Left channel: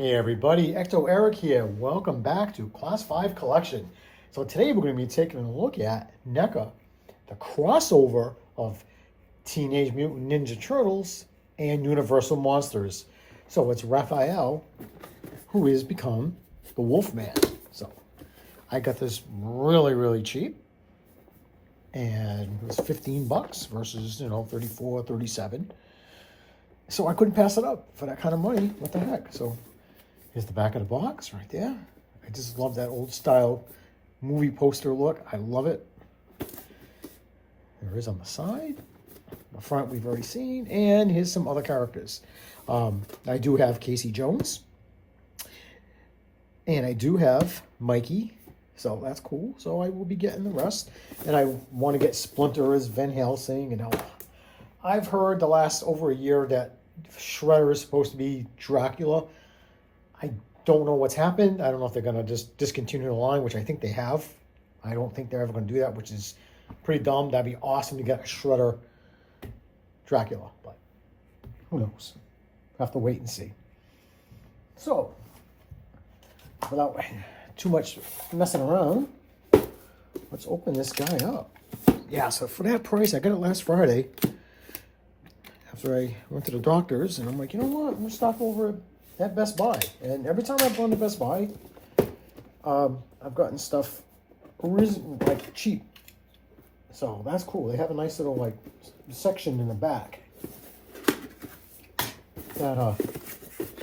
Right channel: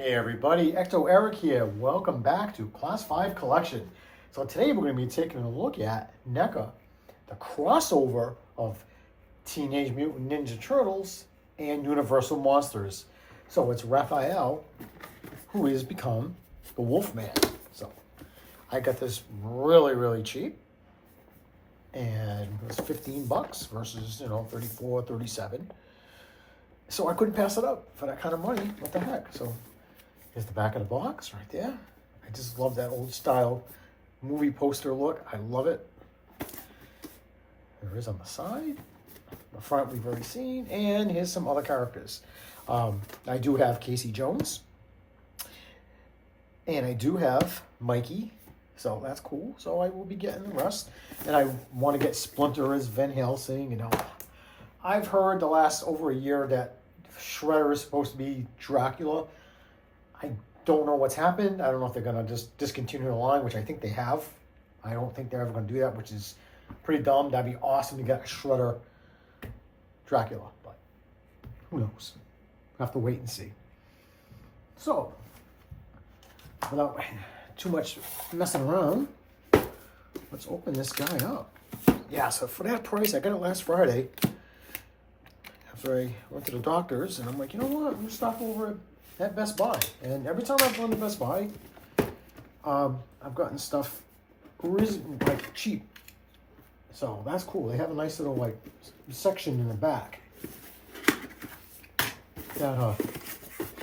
Hey everybody, Ecto Eric here. Welcome back to Class 5 Collection. So today we're going to be taking a look at NECA, the crossover of Teenage Mutant Ninja Turtles and Universal Monsters. So it's Raphael, who has become the Wolfman. So I got this really cheap, and it was 15 bucks versus 34, 37. So I couldn't pass it up for that kind of money. What the heck? So here's the back of the box right there. I just love that old style movie poster look. I love it. There is on the side. The front we've already seen. And here's some other characters. I do have Casey Jones. And I do have Mikey. So that's cool. So I will be getting the rest. And I want to get Splinter as Van Helsing. And I've heard the last over a year that Shredder is supposed to be Dracula. I don't know what's happened. I don't know if they're going to just discontinue the line, which I think they have. I don't think they're ever going to do that, which is pretty dumb. That'd be awesome to get a Shredder Dracula, but who knows? Have to wait and see. So, without too much messing around, let's open this guy up. Yeah, so for that price, I got it last Friday after I went to the doctor's, and I'm like, you know what? I'm going to stop over at Best Buy. And every time I've gone to Best Buy, I've gotten stuff like cheap. So that's cool. They have a nice little like section in the back. That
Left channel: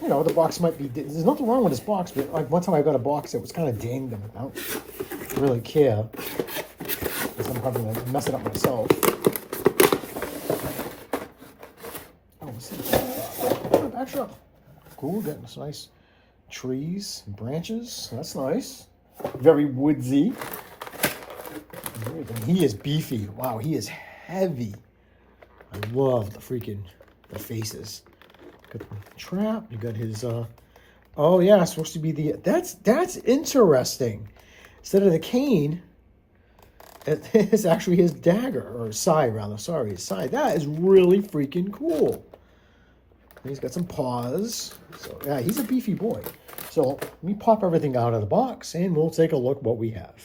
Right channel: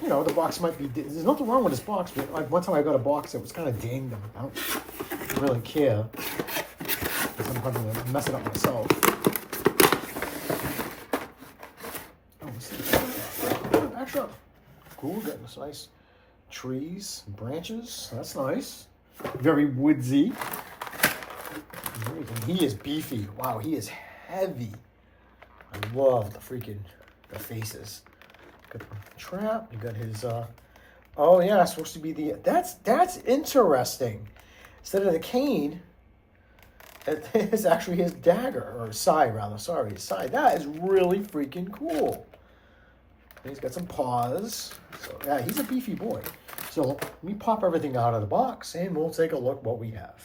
the box might be. There's nothing wrong with this box, but like one time I got a box that was kind of dinged, and I don't really care because I'm probably gonna mess it up myself. Extra. Cool, getting this nice trees and branches. That's nice. Very woodsy. And he is beefy. Wow, he is heavy. I love the faces. Got the trap. You got his oh yeah, it's supposed to be the that's interesting. Instead of the cane, it's actually his dagger, or side rather, sorry, his side. That is really freaking cool. He's got some paws. So yeah, he's a beefy boy. So we pop everything out of the box and we'll take a look what we have.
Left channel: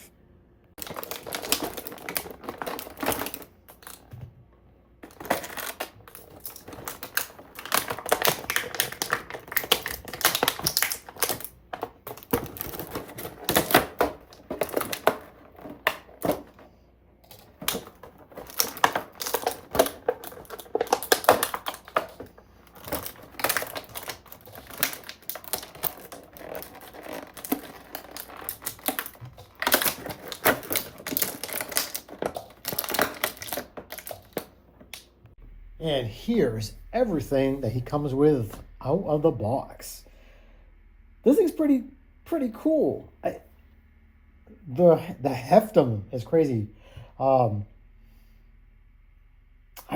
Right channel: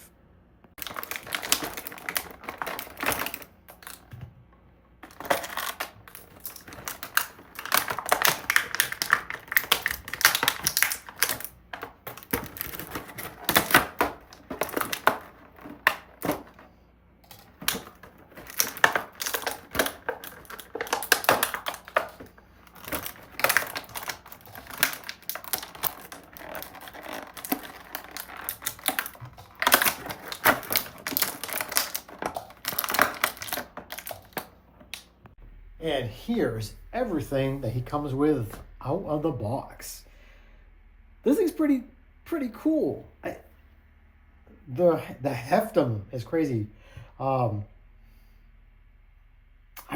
And here's everything that he comes with out of the box. This thing's pretty cool. The heftum is crazy.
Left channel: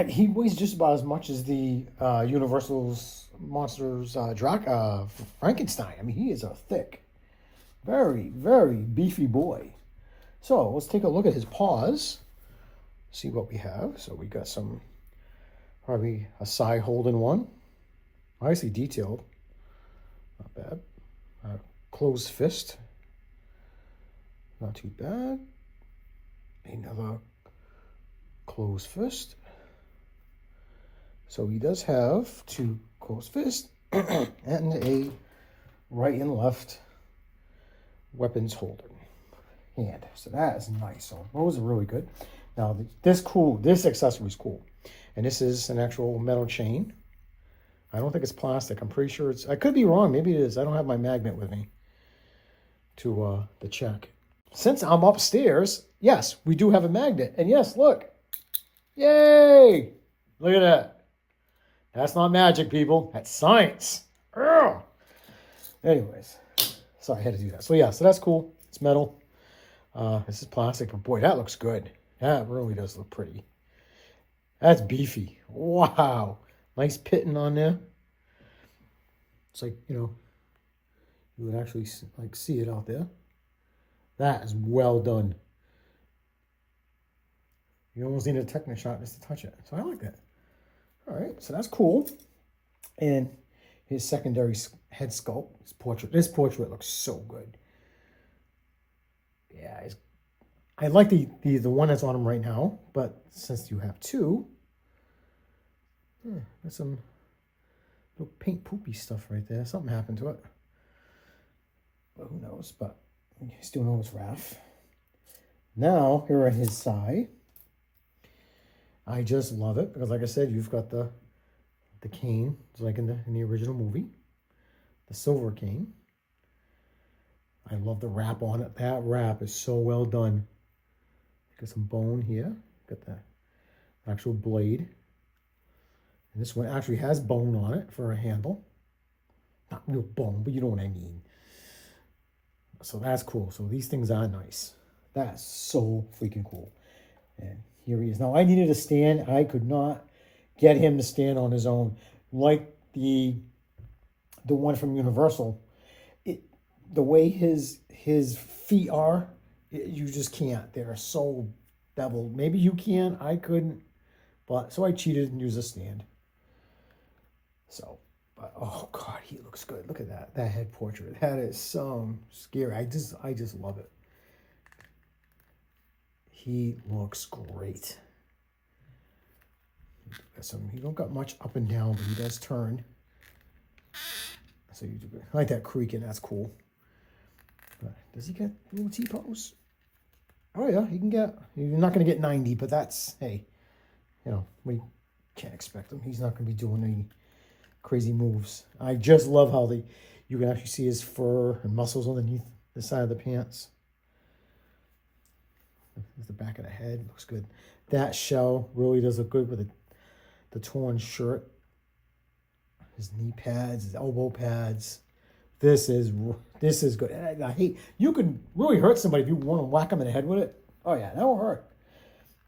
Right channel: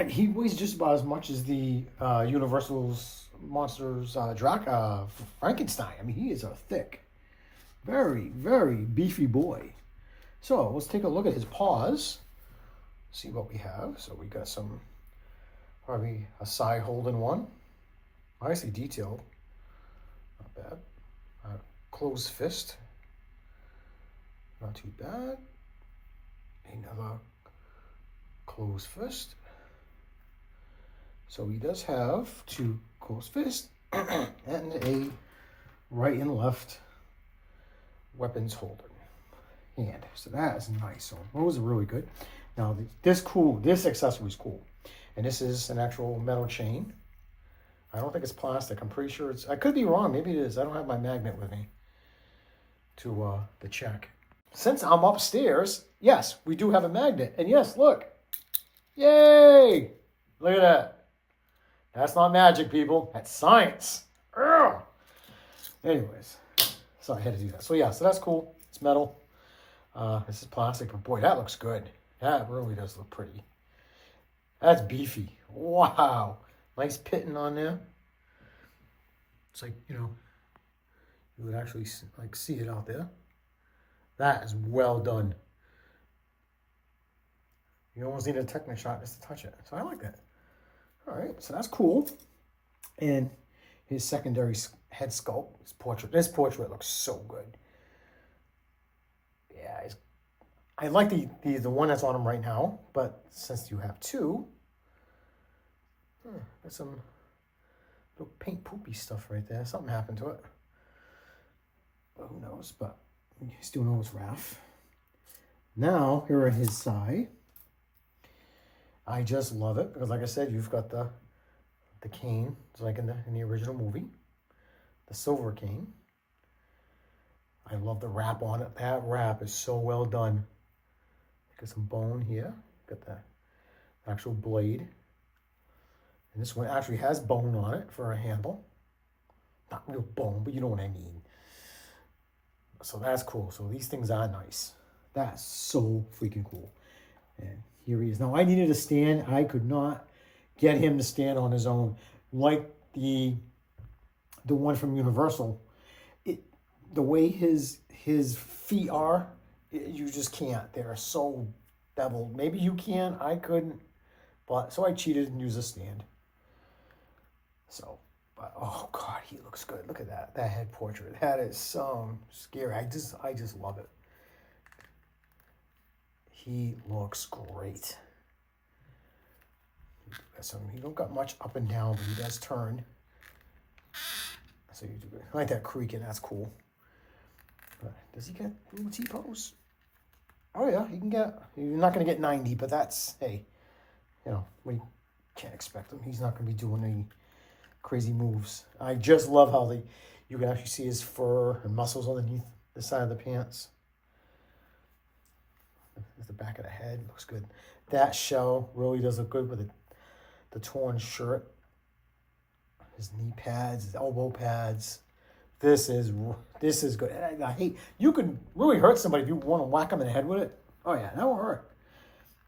He weighs just about as much as the Universal's Monsters Frankenstein. I mean, he is a thick, very beefy boy. So let's take a look at his paws. See what we have. So we got some. Probably a side holding one. Nicely detailed. Not bad. Closed fist. Not too bad. Another closed fist. So he does have two closed fists and a right and left weapons holder hand. So that is nice. So those are really good. Now this accessory is cool. And this is an actual metal chain. I don't think it's plastic. I'm pretty sure I could be wrong. Maybe it is. I don't have my magnet with me to check. Since I'm upstairs, yes, we do have a magnet. And yes, look. Yay! Look at that. That's not magic, people. That's science. Ugh. Anyways, sorry, I had to do that. So yeah, so that's cool. It's metal. This is plastic, but boy, that looks good. That really does look pretty. That's beefy. Wow. Nice pitting on there. It's like, you would actually like see it out there. That is well done. You almost need a Technic shot just to touch it. So I like that. All right, so that's cool. And his secondary head sculpt, his portrait. This portrait looks so good. Yeah, I like the one that's on him right now, but since you have two, there's some little paint poopy stuff right there. Something happened to it. Well, who knows, but you still know it's Raph. Now, here at his side, I just love it because, like I said, you've got the cane, it's like in the original movie, the silver cane. I love the wrap on it. That wrap is so well done. Got some bone here. Got the actual blade. And this one actually has bone on it for a handle. Not real bone, but you know what I mean. So that's cool. So these things are nice. That's so freaking cool. And here he is. Now I needed a stand. I could not get him to stand on his own. Like the one from Universal. The way his feet are, you just can't. They're so beveled. Maybe you can. I couldn't. But so I cheated and used a stand. So, but oh God, he looks good. Look at that head portrait. That is so scary. I just love it. He looks great. So he don't got much up and down, but he does turn. So you do, I like that creaking. That's cool. Does he get little T-pose? Oh yeah, he can get. You're not going to get 90, but that's, hey, you know, we can't expect him. He's not going to be doing any crazy moves. I just love how you can actually see his fur and muscles underneath the side of the pants. There's the back of the head. Looks good. That shell really does look good with the torn shirt. His knee pads, his elbow pads. This is good. I hate, you could really hurt somebody if you want to whack them in the head with it. Oh yeah, that will hurt.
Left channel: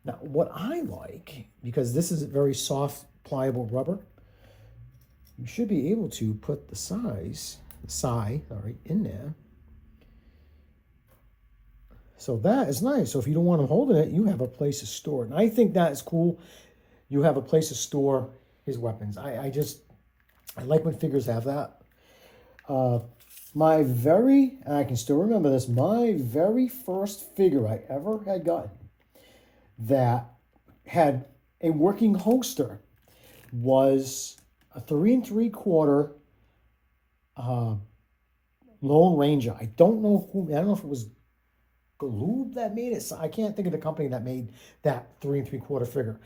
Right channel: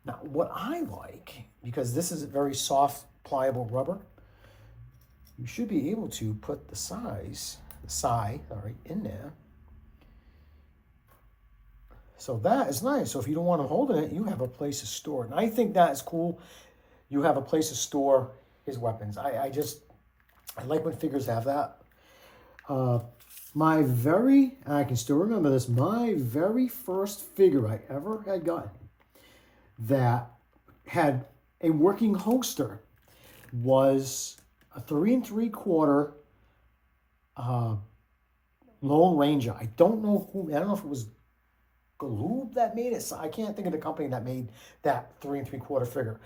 Now, what I like, because this is very soft, pliable rubber, you should be able to put the side, all right, in there. So that is nice. So if you don't want them holding it, you have a place to store it. And I think that is cool. You have a place to store his weapons. I like when figures have that. I can still remember this, my very first figure I ever had gotten that had a working holster was a 3 3/4 Lone Ranger. I don't know if it was Galoob that made it. I can't think of the company that made that 3 3/4 figure.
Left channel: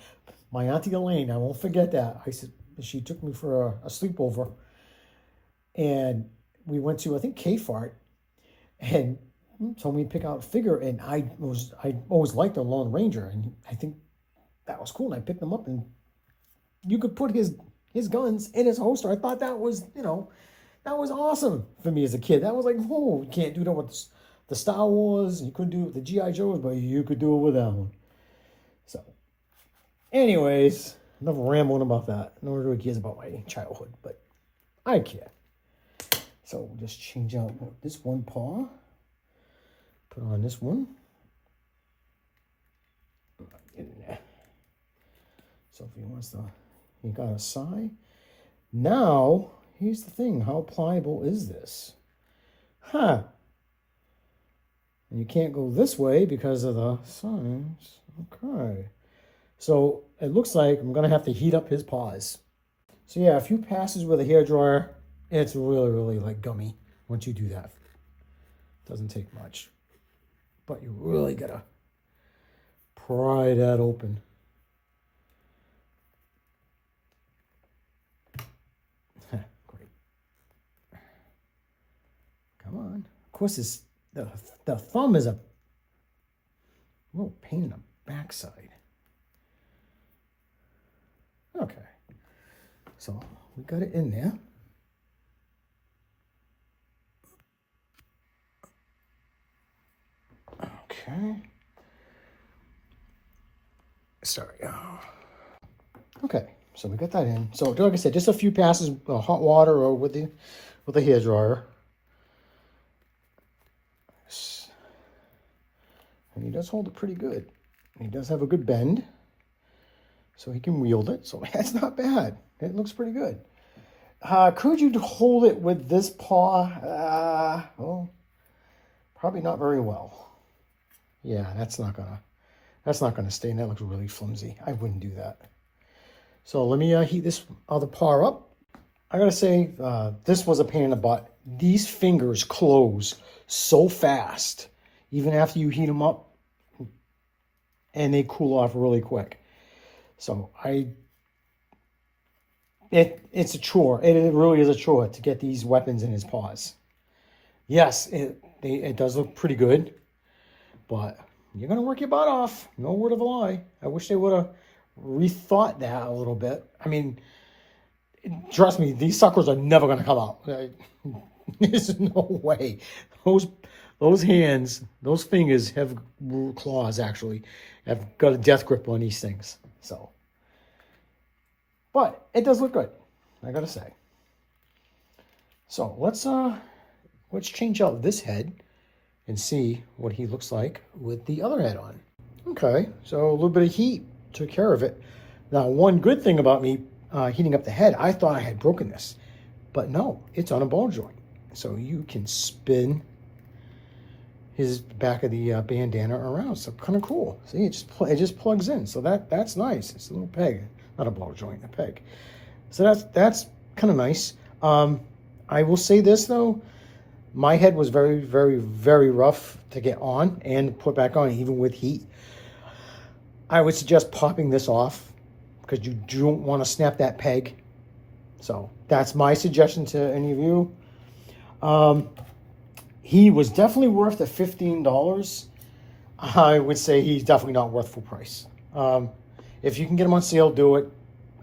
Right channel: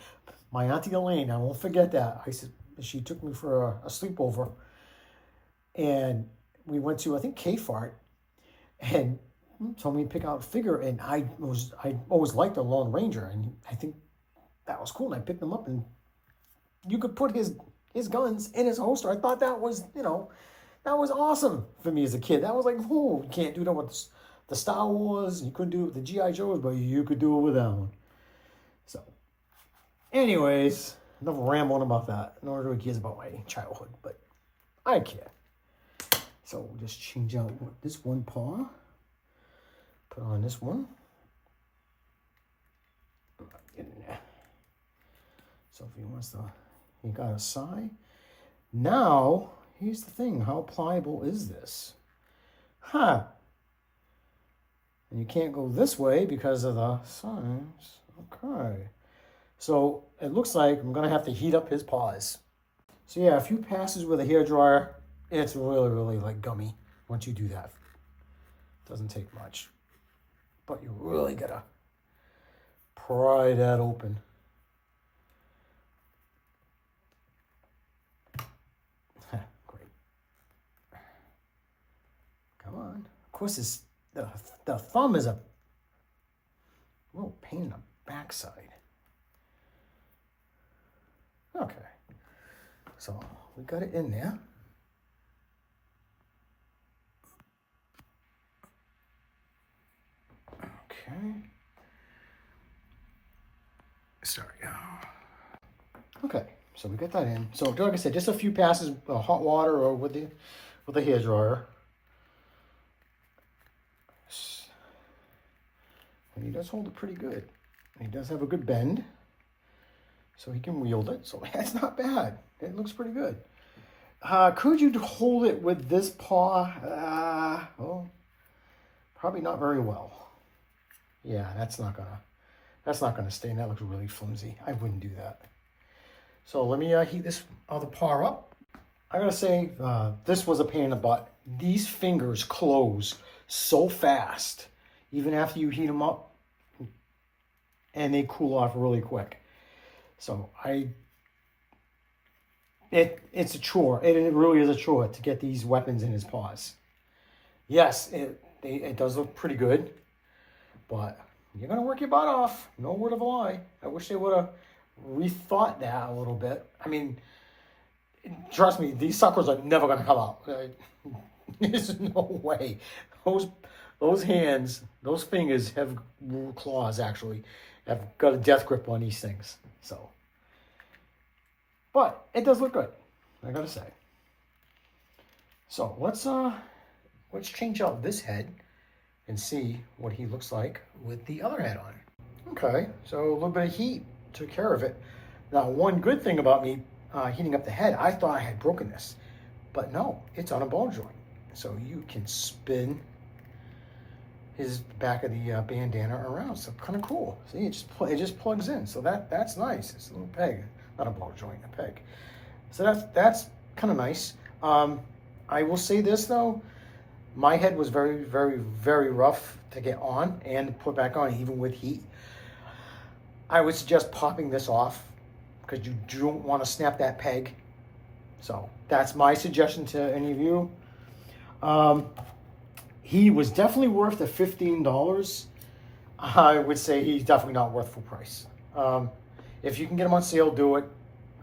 My auntie Elaine, I won't forget that. She took me for a sleepover, and we went to, I think, K-Fart, and told me to pick out a figure, and I always liked the Lone Ranger, and I think that was cool. And I picked them up, and you could put his guns in his holster. I thought that was, that was awesome for me as a kid. That was like, oh, you can't do that with the Star Wars. You couldn't do it with the G.I. Joes, but you could do it with that one. So, anyways, enough rambling about that. No one really cares about my childhood, but I care. So we'll just change out this one paw. Put on this one. Get in there. So if he wants to, you got a side. Now, here's the thing. How pliable is this? Huh. And you can't go this way because of the sides. Okay. So it looks like I'm going to have to heat up his paws. So yeah, a few passes with a hairdryer. It's really, really like gummy once you do that. Doesn't take much. But you really got to pry that open. Great. Come on. Of course, the thumb is a little pain in the backside. Okay. So we got it in there. Okay. Sorry. Okay, so we got that in. So like I said, just a few passes of hot water or with the hairdryer. And he does hold it pretty good. He does have a good bend, so he can wield it. So that's not bad. It looks pretty good. Could you hold it with this paw? Well, probably not very well. Yeah, that's not gonna stay. That looks really flimsy. I wouldn't do that. So let me heat this other paw up. I gotta say, this was a pain in the butt. These fingers close so fast, even after you heat them up, and they cool off really quick. So it's a chore. It really is a chore to get these weapons in his paws. Yes, it does look pretty good, but you're gonna work your butt off. No word of a lie. I wish they would have rethought that a little bit. I mean, trust me, these suckers are never gonna come out. There's no way. Those hands, those fingers have claws. Actually, have got a death grip on these things. So, but it does look good, I gotta say. So let's change out this head and see what he looks like with the other head on. Okay, so a little bit of heat took care of it. Now, one good thing about me heating up the head, I thought I had broken this, but no, it's on a ball joint. So you can spin his back of the bandana around. So kind of cool. See, it just plugs in. So that's nice. It's a little peg, not a ball joint, a peg. So that's kind of nice. I will say this though, my head was very, very, very rough to get on and put back on, even with heat. I would suggest popping this off because you don't want to snap that peg. So that's my suggestion to any of you. He was definitely worth the $15. I would say he's definitely not worth full price. If you can get him on sale, do it.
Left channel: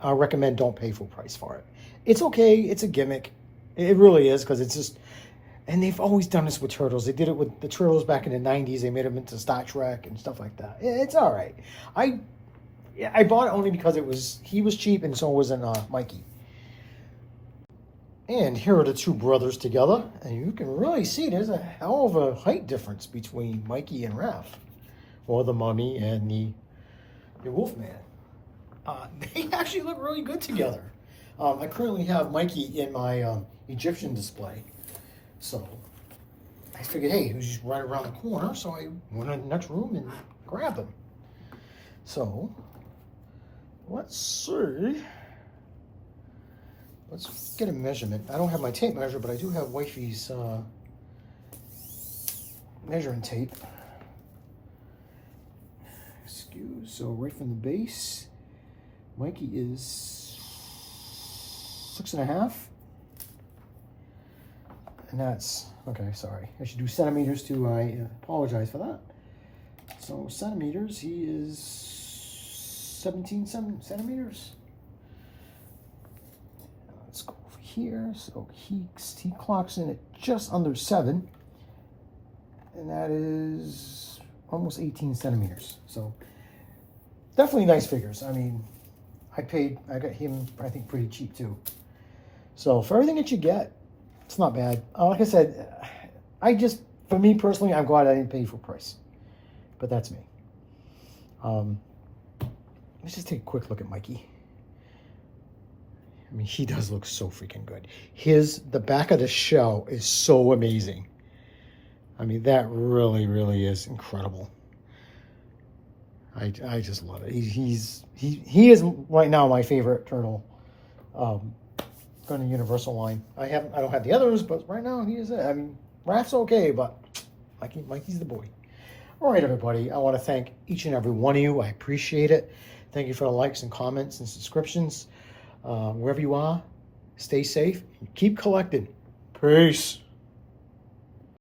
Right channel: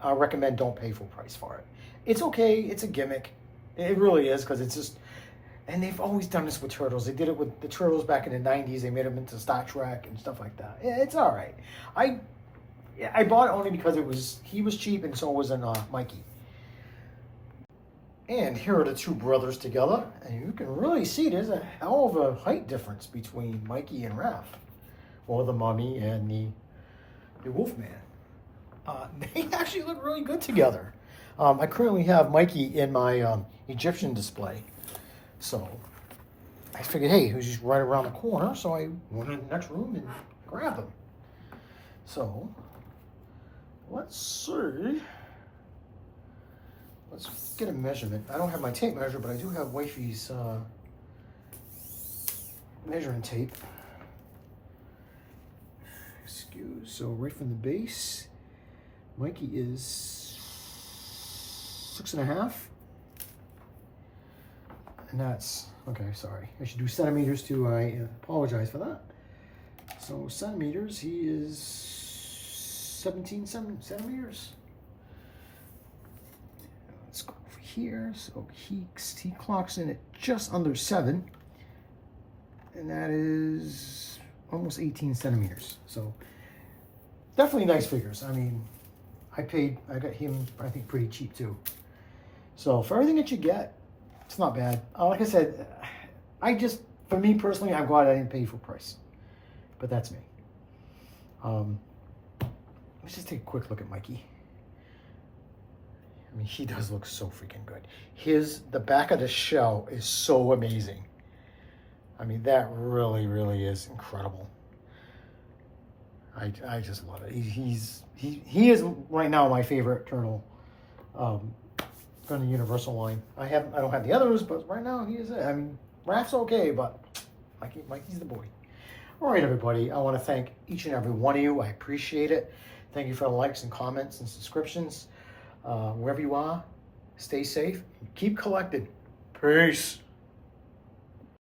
I recommend don't pay full price for it. It's okay. It's a gimmick. It really is, because it's just, and they've always done this with Turtles. They did it with the Turtles back in the 90s. They made them into Star Trek and stuff like that. It's all right. I bought it only because he was cheap, and so wasn't Mikey. And here are the two brothers together, and you can really see there's a hell of a height difference between Mikey and Raph, or the Mummy and the Wolfman. They actually look really good together. I currently have Mikey in my Egyptian display, so I figured, hey, he was just right around the corner, so I went in the next room and grabbed him. So let's see. Let's get a measurement. I don't have my tape measure, but I do have Wifey's measuring tape. So right from the base, Mikey is 6.5. And that's, okay, sorry. I should do centimeters too. I apologize for that. So centimeters, he is 17 centimeters. Let's go over here. So he clocks in at just under 7, and that is almost 18 centimeters. So definitely nice figures. I mean, I got him, I think, pretty cheap too. So for everything that you get, it's not bad. Like I said, for me personally, I'm glad I didn't pay full price, but that's me. Let's just take a quick look at Mikey. I mean, he does look so freaking good. The back of the shell is so amazing. I mean, that really, really is incredible. I just love it. He is right now my favorite turtle from the Universal line. I don't have the others, but right now he is it. I mean, Raph's okay, but Mikey's the boy. All right, everybody. I want to thank each and every one of you. I appreciate it. Thank you for the likes and comments and subscriptions. Wherever you are, stay safe. Keep collecting. Peace.